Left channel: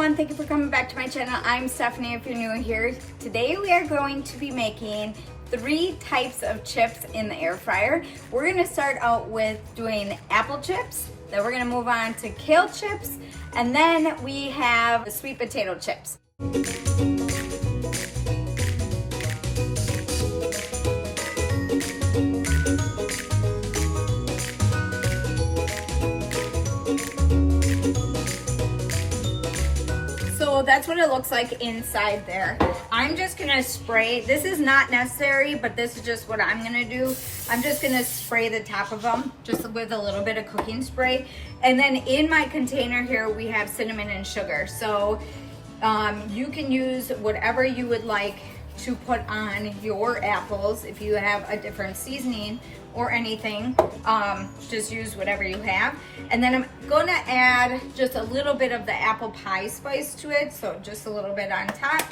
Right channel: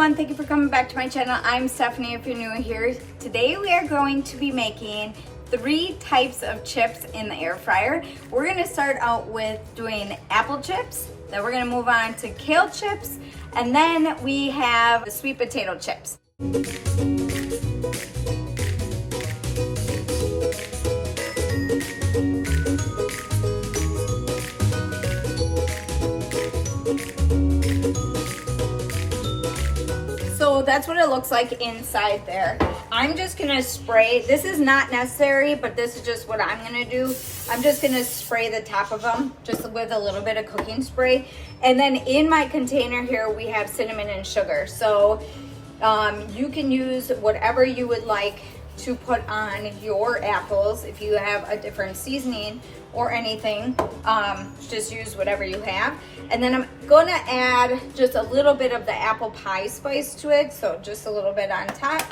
everyone, thank you for coming back to my channel. I'm Stephanie if you're new here. Today we are going to be making 3 types of chips in the air fryer. We're going to start out with doing apple chips, then we're going to move on to kale chips, and then we have the sweet potato chips. So that's what it looks like inside there. I'm just gonna spray, this is not necessary, but this is just what I'm gonna do. I'm just gonna spray the top of them just with a little bit of cooking spray. And then in my container here, we have cinnamon and sugar. So you can use whatever you would like to put on your apples. If you have a different seasoning or anything, just use whatever you have. And then I'm gonna add just a little bit of the apple pie spice to it, so just a little bit on top.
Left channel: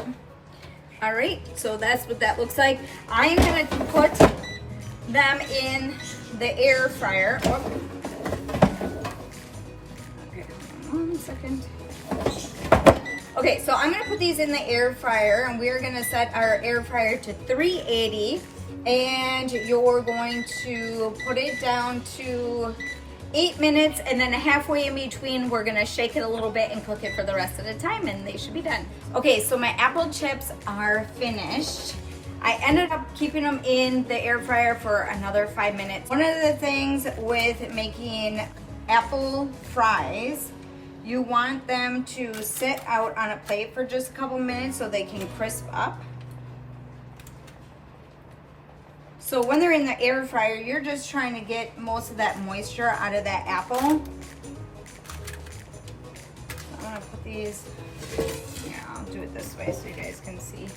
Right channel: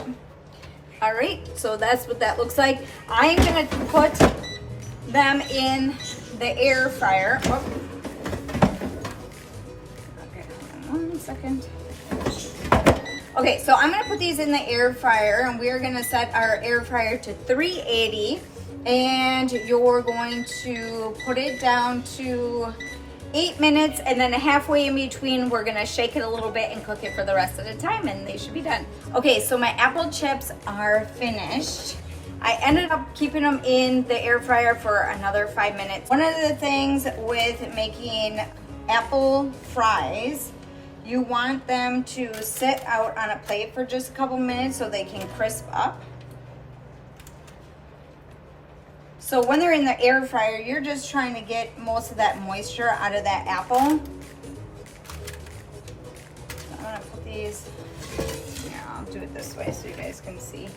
All right, so that's what that looks like. I am gonna put them in the air fryer. Oh. Okay, 1 second. Okay, so I'm gonna put these in the air fryer, and we are gonna set our air fryer to 380, and you're going to put it down to 8 minutes, and then halfway in between, we're gonna shake it a little bit and cook it for the rest of the time, and they should be done. Okay, so my apple chips are finished. I ended up keeping them in the air fryer for another 5 minutes. One of the things with making apple fries, you want them to sit out on a plate for just a couple minutes so they can crisp up. So when they're in the air fryer, you're just trying to get most of that moisture out of that apple. I'm gonna put these, yeah, I'll do it this way so you guys can see.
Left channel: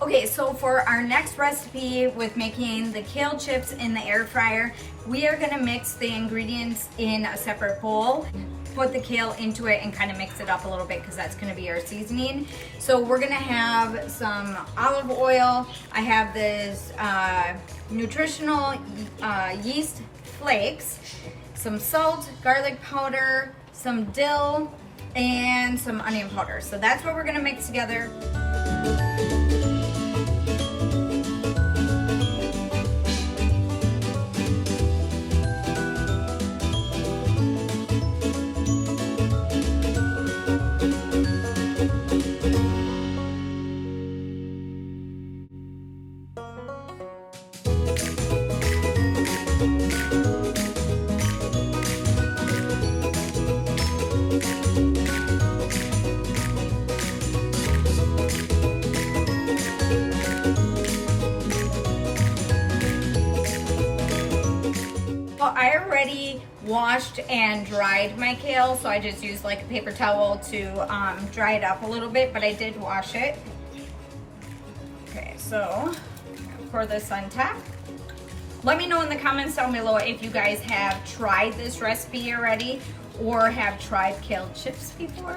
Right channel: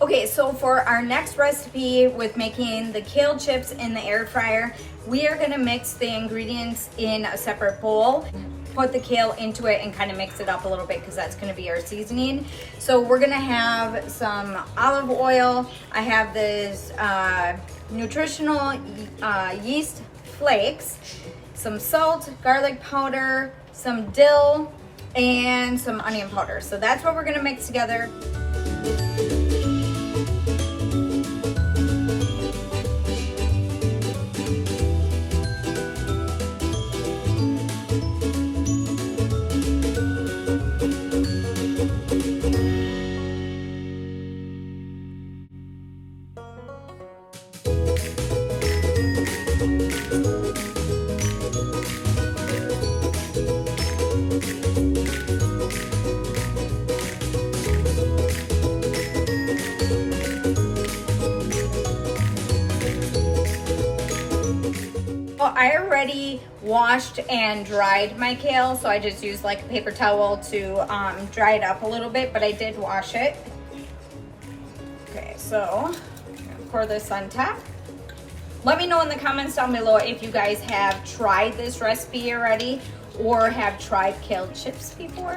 Okay, so for our next recipe with making the kale chips in the air fryer, we are gonna mix the ingredients in a separate bowl, put the kale into it and kind of mix it up a little bit because that's gonna be our seasoning. So we're gonna have some olive oil. I have this nutritional yeast flakes, some salt, garlic powder, some dill, and some onion powder. So that's what we're gonna mix together. I already washed and dried my kale, so I just used like a paper towel to dry it up a little bit, but I did wash it. Okay, so I'm gonna pour this on top. Let me know in the comments down below if you guys have tried this recipe already or have tried kale chips before.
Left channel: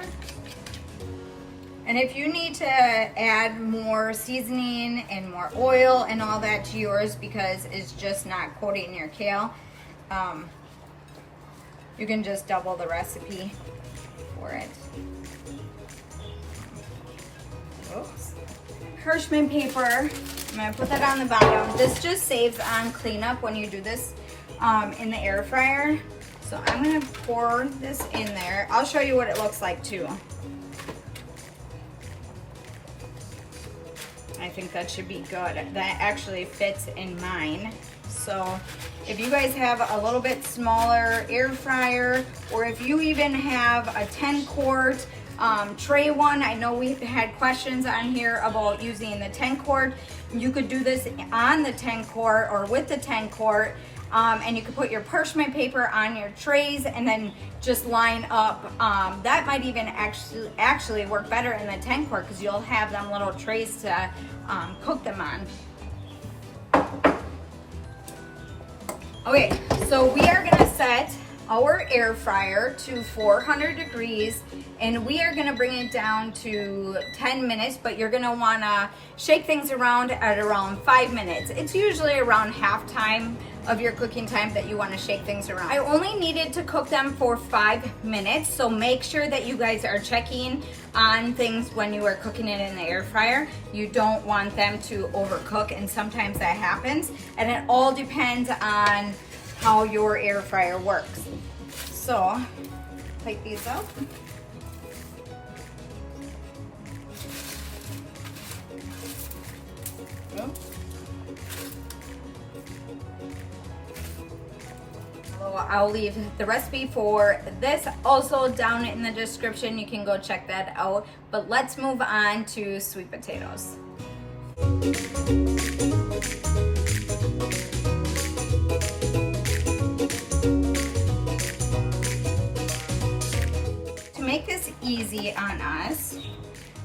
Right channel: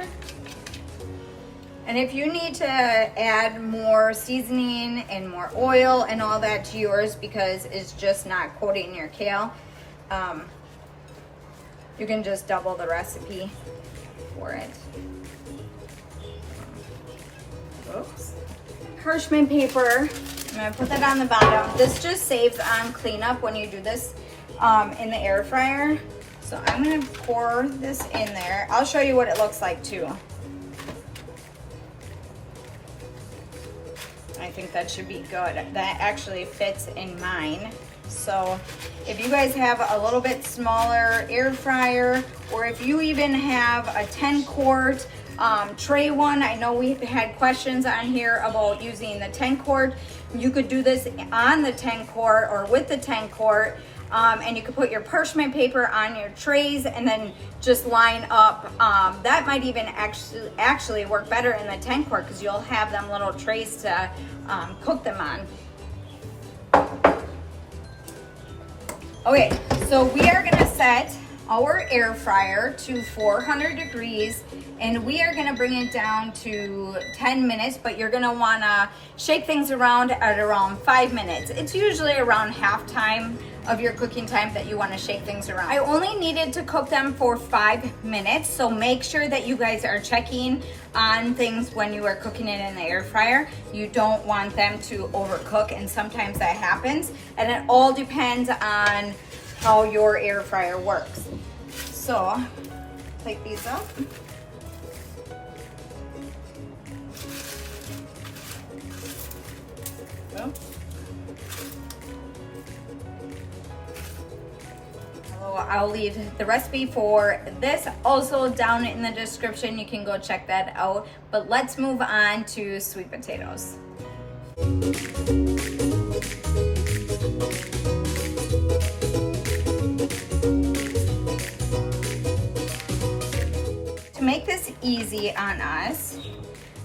And if you need to add more seasoning and more oil and all that to yours because it's just not coating your kale, you can just double the recipe for it. Oops. Parchment paper, I'm gonna put that on the bottom. This just saves on cleanup when you do this in the air fryer. So I'm gonna pour this in there. I'll show you what it looks like too. I think that should be good. That actually fits in mine. So if you guys have a little bit smaller air fryer, or if you even have a 10-quart tray one, I know we had questions on here about using the 10-quart. You could do this on the 10-quart or with the 10-quart, and you could put your parchment paper on your trays and then just line up. That might even actually work better in the 10-quart because you'll have them little trays to cook them on. Okay, so we are gonna set our air fryer to 400 degrees, and we are gonna bring it down to 10 minutes, but you're gonna wanna shake things around at around 5 minutes. It's usually around half time of your cooking time that you wanna shake things around. I only needed to cook them for 5 minutes, so make sure that you guys are checking on things when you are cooking it in the air fryer. You don't want them to overcook, and sometimes that happens, and it all depends on how your air fryer works. So, take these out. I'll leave the recipe for this also down in the description. You can go check that out. But let's move on to sweet potatoes. To make this easy on us,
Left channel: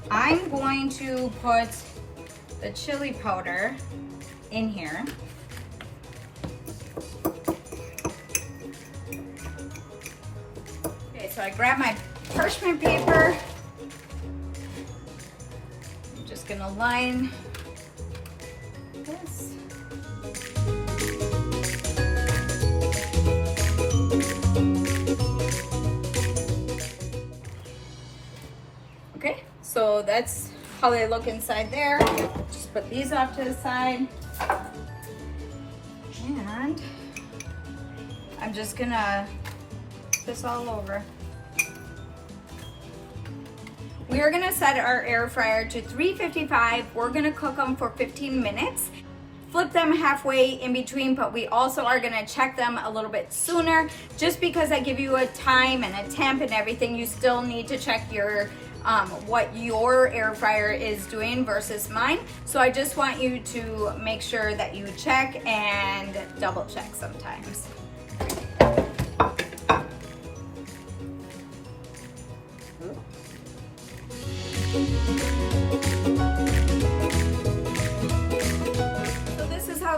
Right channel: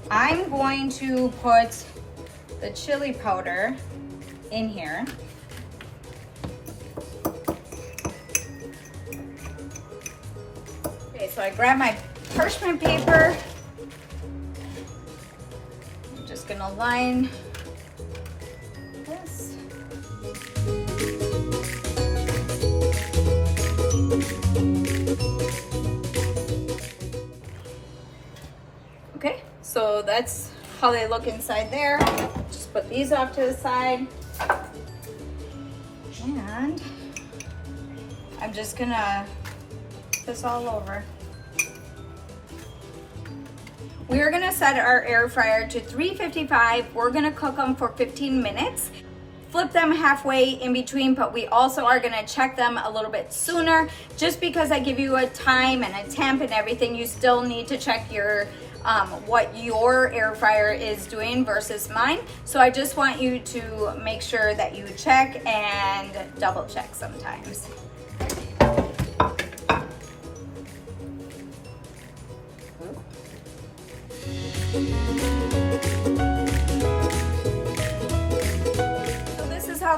I'm going to put the chili powder in here. So I grab my parchment paper. I'm just gonna line this. Okay, so that's how they look inside there. Just put these off to the side. And I'm just gonna put this all over. We are gonna set our air fryer to 355. We're gonna cook them for 15 minutes. Flip them halfway in between, but we also are gonna check them a little bit sooner. Just because I give you a time and a temp and everything, you still need to check your what your air fryer is doing versus mine. So I just want you to make sure that you check and double check sometimes.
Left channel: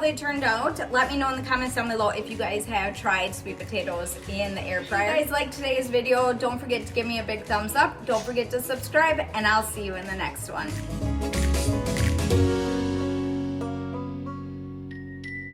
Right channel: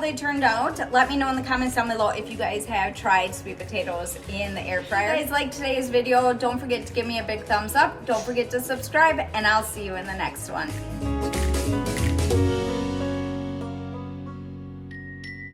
They turned out. Let me know in the comments down below if you guys have tried sweet potatoes in the air fryer. If you guys like today's video, don't forget to give me a big thumbs up. Don't forget to subscribe, and I'll see you in the next one.